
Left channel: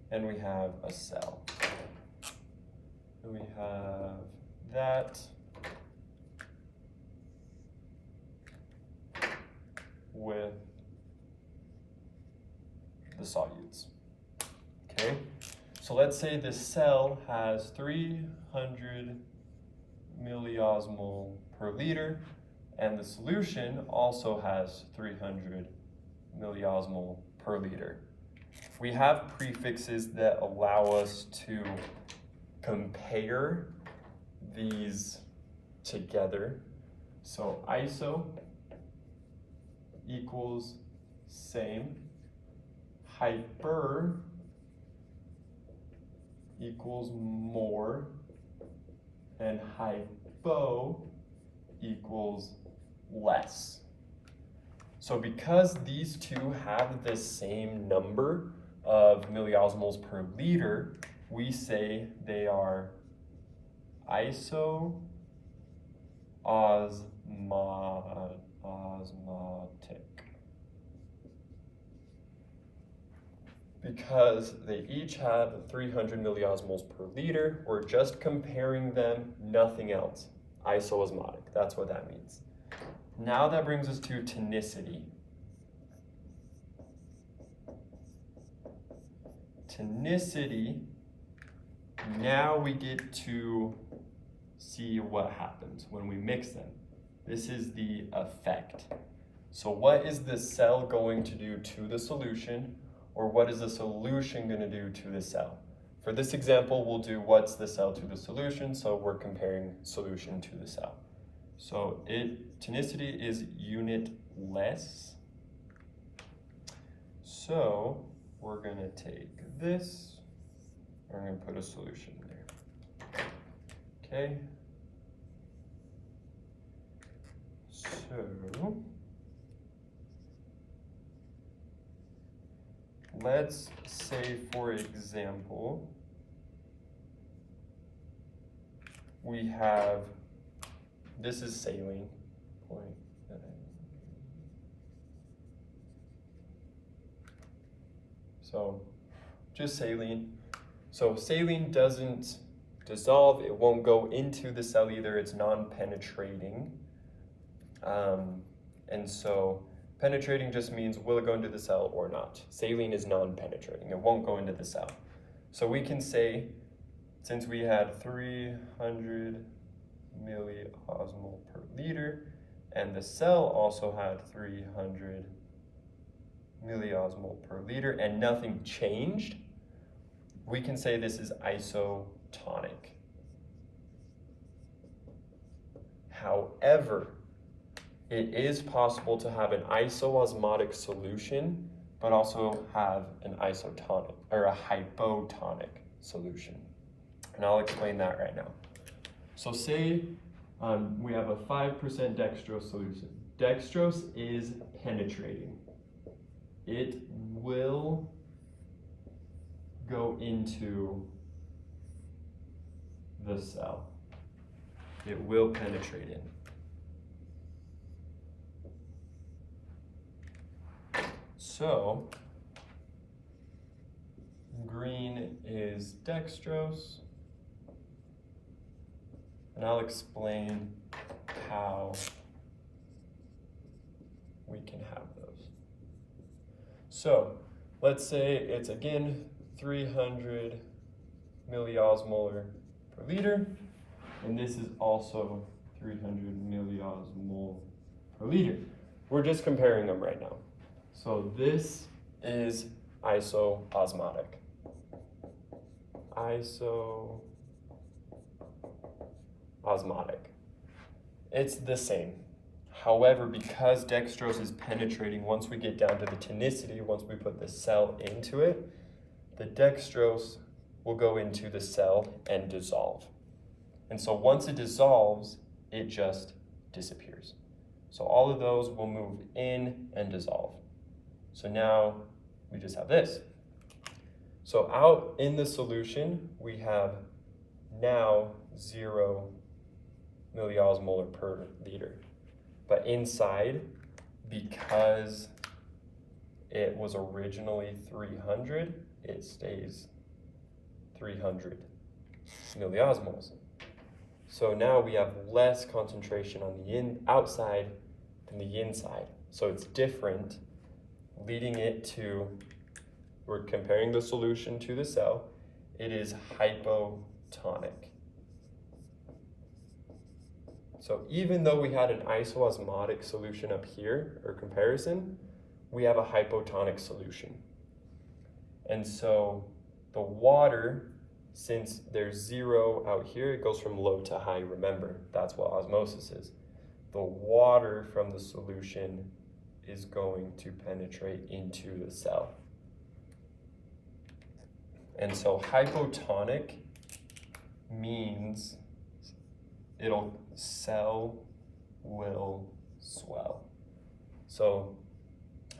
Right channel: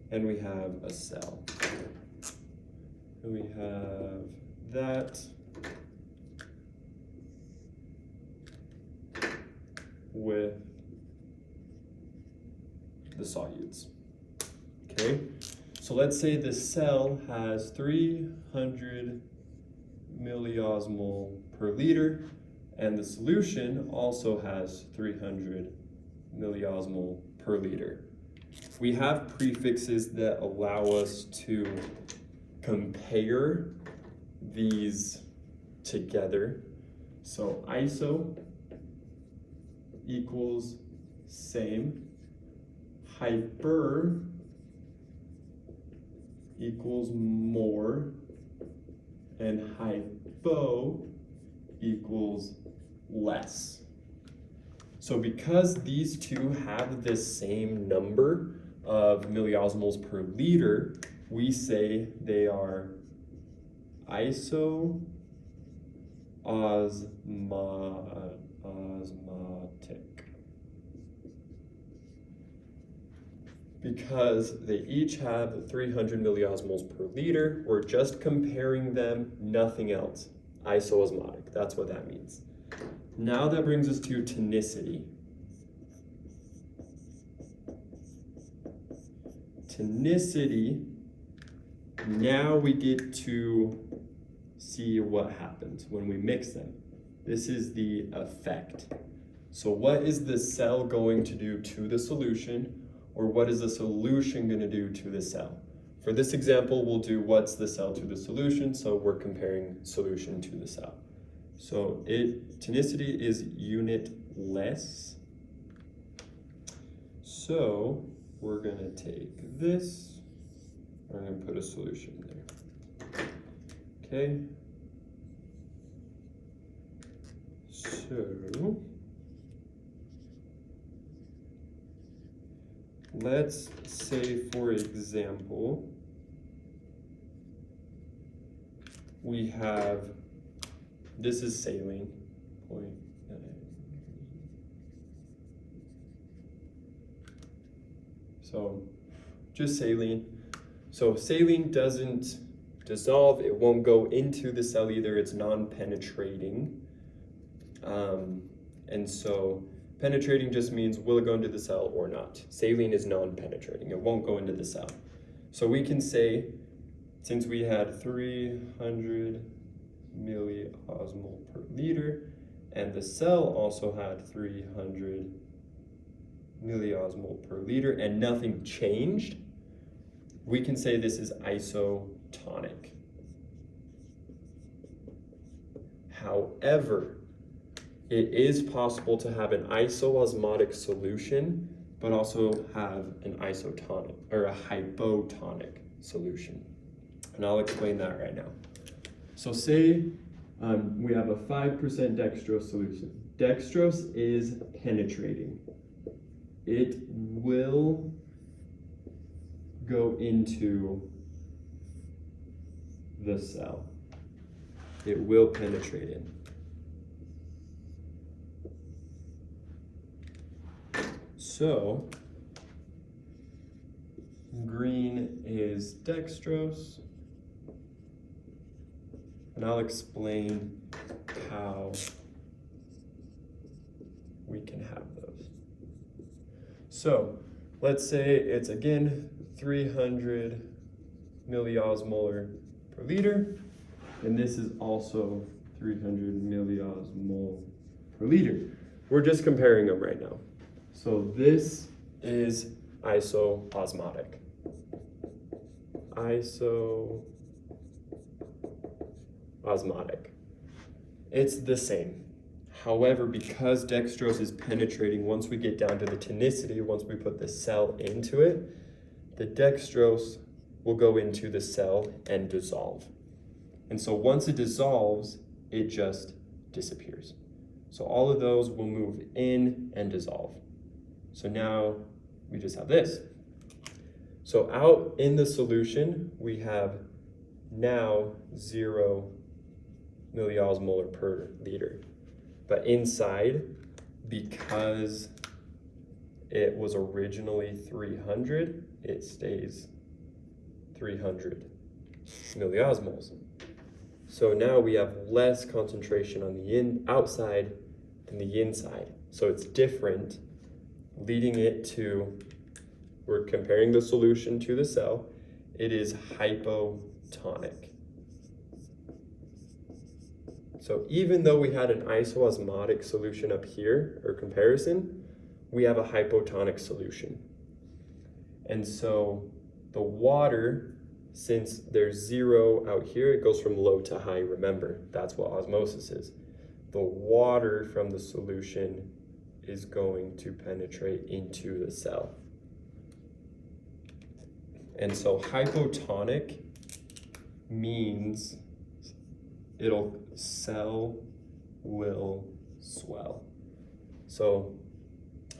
and we have a cell. And we have that with the solutes. Okay, so let's say the cell has 300 milliosmol per liter, and the solution also has 300 milliosmol per liter. We have prefixes that allow us to compare these together. So iso equals same, hyper equals more, and hypo equals less. So because these two have the same number of milliosmoles per liter, we say they are osmotic. Because they each have 300 milliosmoles per liter, we're just comparing them, nothing else. Isoosmotic, that's what that means. Now that brings us to tonicity. Tonicity, now we get to see what happens when we mix them. This is the effect. So what is the cell going to do to the solution, or what is the solution going to do to the cell? For this example, we'll do what's the cell to the solution, so we're comparing solution to the cell. So tonicity is unitless. So we're going to take this, we're going to put a solution there. Okay. So let's say, for example, we have, this is saline. So just saline. So saline doesn't dissolve, it won't go into the cell either, it's non-penetrating. And so penetrating just means will it go into the cell or not. Saline is non-penetrating, it won't go into the cell. So we can say, since we had 300 milliosmol per liter, and the cell also had 300 milliosmol per liter and nothing changed, we can say this is isotonic. However, it is possible to have an isoosmotic solution, but also have an isotonic or a hypotonic solution. And I'll explain that right now. So say we have a 5% dextrose solution. Dextrose is penetrating. It will go into the cell. It will penetrate in. So, green is dextrose, and I'll explain how we can have those. So, let's say it's again 300 milliosmolar per liter, and this is also 300 milliosmol per liter. We're just comparing them right now. So this is isoosmotic. Isoosmotic. It's the same. However, because dextrose is penetrating, once we get down to the tonicity, once we put the cell into it, the dextrose will go into the cell and dissolve. And so once it dissolves, it just disappears. So all of those will move in and dissolve. So now we just have this. So out in the solution, we have now 0 milliosmolar per liter. But inside, because it was originally 300, it stays 300 milliosmoles. So now we have less concentration on the outside than the inside. So it's different, leading it to, we're comparing the solution to the cell, it is hypotonic. So even though we had an isoosmotic solution up here, or comparison, we have a hypotonic solution. And so the water, since there's 0 out here, it goes from low to high, remember, that's what osmosis is. The water from the solution is going to penetrate into the cell. And so hypotonic means cell will swell. So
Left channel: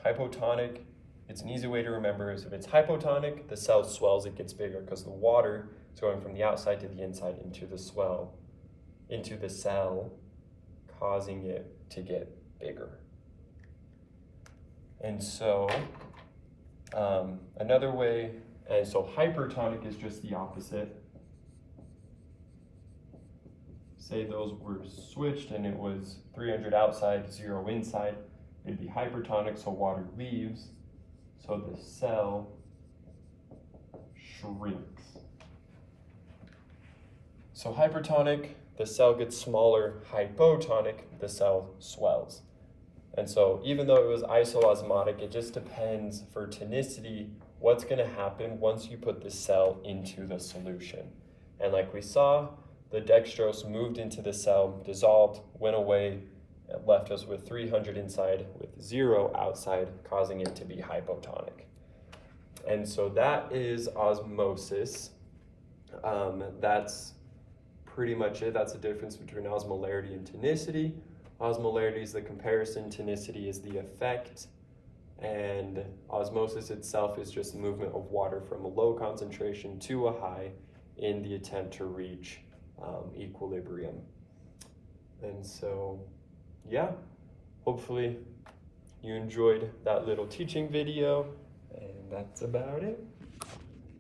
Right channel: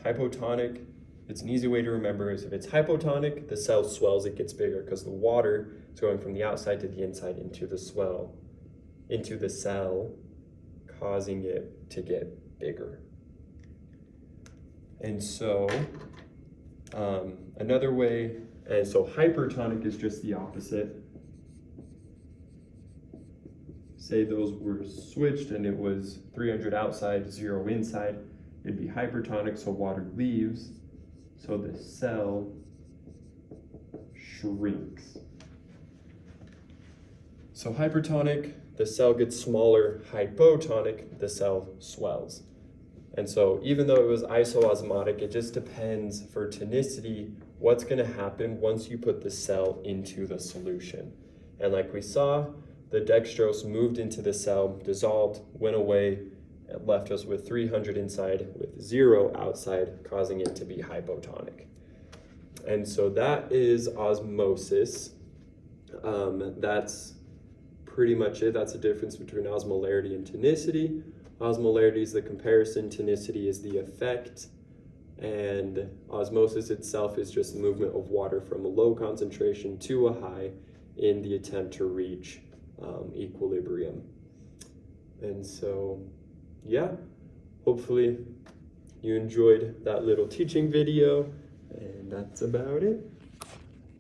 hypotonic, it's an easy way to remember is if it's hypotonic, the cell swells, it gets bigger because the water is going from the outside to the inside into the cell, causing it to get bigger. And so another way, and so hypertonic is just the opposite. Say those were switched and it was 300 outside, 0 inside, it'd be hypertonic, so water leaves, so the cell shrinks. So hypertonic, the cell gets smaller. Hypotonic, the cell swells. And so even though it was isoosmotic, it just depends for tonicity, what's gonna happen once you put the cell into the solution. And like we saw, the dextrose moved into the cell, dissolved, went away, and left us with 300 inside with 0 outside, causing it to be hypotonic. And so that is osmosis. That's pretty much it. That's the difference between osmolarity and tonicity. Osmolarity is the comparison, tonicity is the effect, and osmosis itself is just the movement of water from a low concentration to a high in the attempt to reach equilibrium. And so, yeah, hopefully you enjoyed that little teaching video, and that's about it.